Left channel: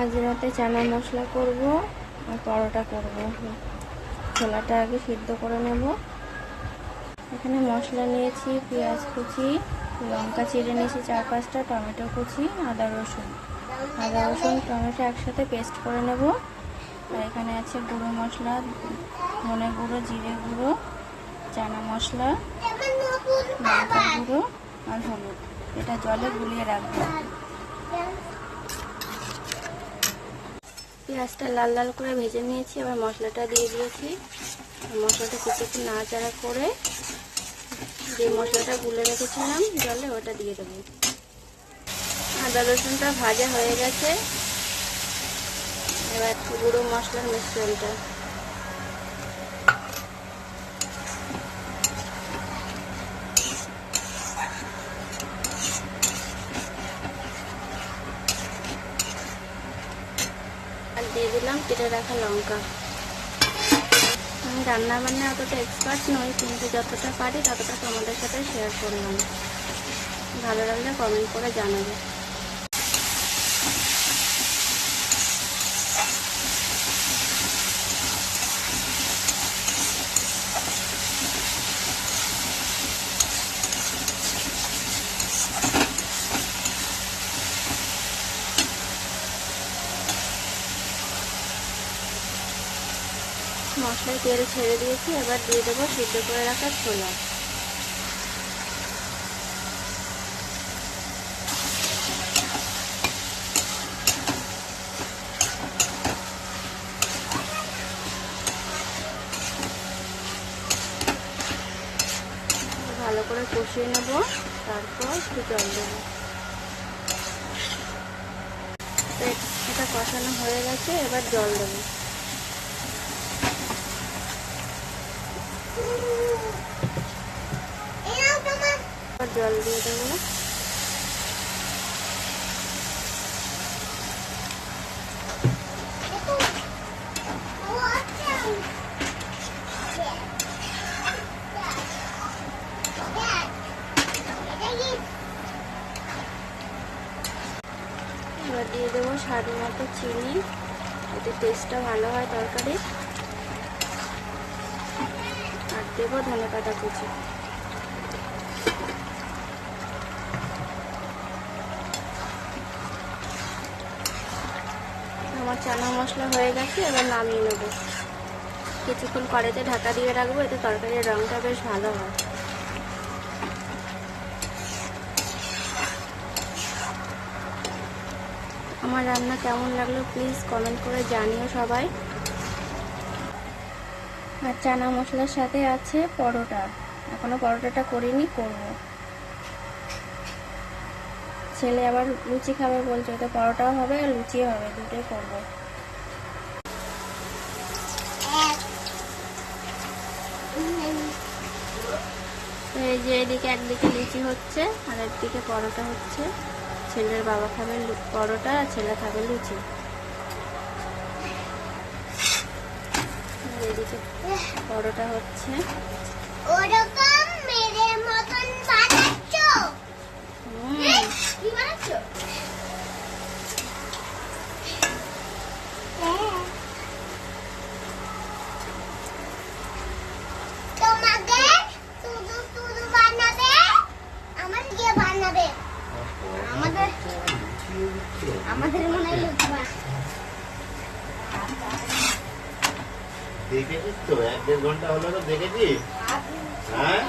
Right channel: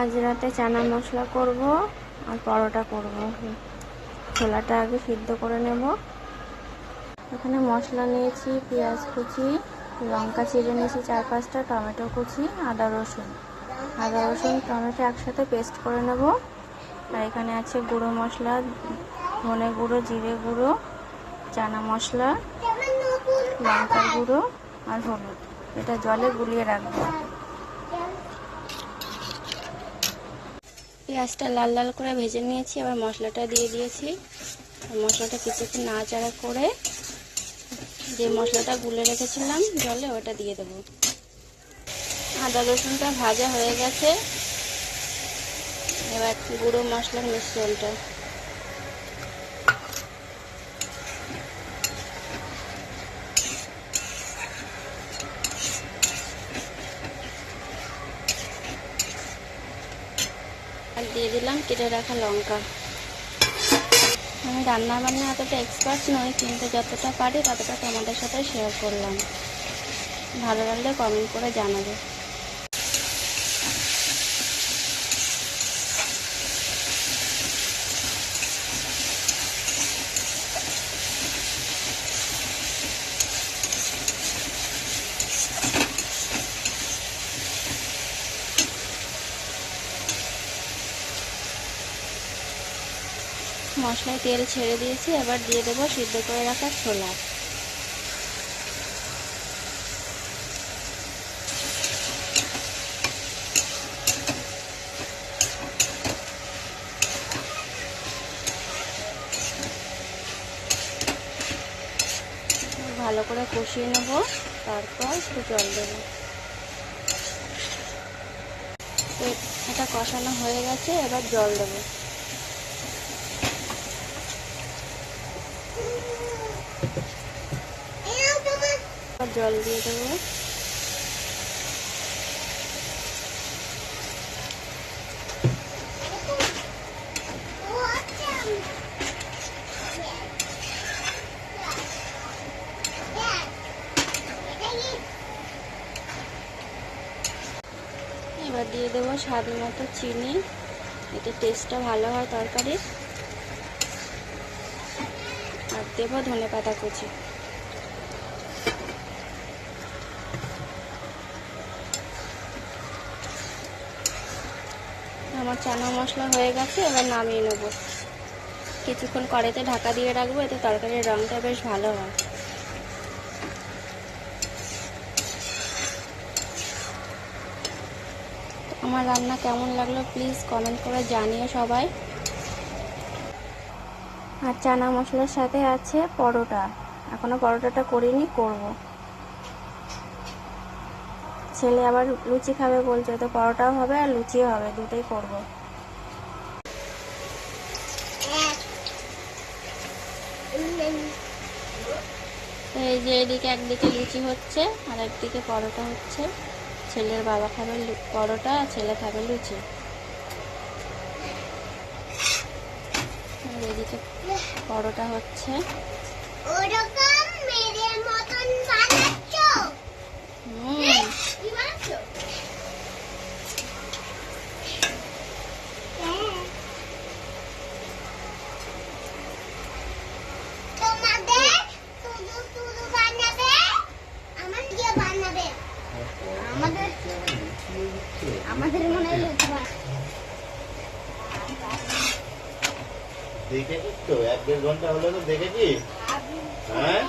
আজ রাতে চানা মশলা করব আর পরোটা করব। ছোলাটা আগে সিদ্ধ করে নেব। এখানে মশলা নিয়েছি, পেঁয়াজ কুচি, লঙ্কা চিড়ে নিয়েছি 4-5টা, টমেটো কুচি, আদা রসুন টমেটো একসাথে পেস্ট করে নেব। আর এখানে আছে গুঁড়ো মশলা, ধনে গুঁড়ো, জিরে গুঁড়ো, চানা মশলা, লঙ্কার গুঁড়ো আর হলুদ। এটা জলে গুলিয়ে রাখবো। পেঁয়াজটা লাল লাল করে ভেজে নিয়েছি, আবার মশলাটা দিয়ে দিয়েছি। মশলাটা কিছুক্ষণ নাড়াচাড়া করে যে মশলাটা গুলে রেখেছিলাম জলে, ওটা দিয়ে দেবো। আদা রসুনটা ভাজা হয়ে গেছে, এবার গুঁড়ো মশলার মিশ্রণটা আর দিয়ে দিলাম কেটে রাখা লঙ্কা। আমি রান্না বান্না অতটা এক্সপার্ট নই, কিন্তু যতটা পারি ততটা তোমাদের সাথে শেয়ার করলাম। ভালো লাগলে কমেন্ট করে জানাবে। মশলায় তেল ছেড়ে দিয়েছি, এবার দিয়ে দেবো সিদ্ধ করে রাখা ছোলা। ভালো করে কষিয়ে নেব, তারপর একটু জল দেব। এটা কষানো হয়ে গেছে, এবার জল দেব। জল দিয়ে দেবো। এবার দিয়ে দেবো স্বাদ মতো চিনি, এতে টেস্টটা ভালো হয় তরকারির। আর দেবো ধনেপাতা কুচি। আমার চানা মশলা হয়ে গেছে, এবার নামিয়ে নেব। কিছুক্ষণ কড়াইতে ঢাকা দিয়ে রাখবো, এতে তরকারির রঙটা বেশ ভালো হয়। আমার রান্না কেমন লাগলো প্লিজ কমেন্ট করে জানিও সবাই। আর চানা মশলার সাথে আছে পরোটা, এখনো পরোটাটা করিনি, করব। ছেলে আবার লুচি খাবে বলছে, তো পরোটাও হবে আর লুচিও হবে, দুটোই করব। এই যে এদিকে একদিকে লুচি হচ্ছে আর একদিকে পরোটা হচ্ছে। ছেলের বাবা খাবে পরোটা আর ছেলে খাবে লুচি। এদিকে পরোটা হচ্ছে। আমাদের মনে হয় দেখেছিস তো 1-1.5 ঘন্টা হলো না, দেখেছিস? হ্যাঁ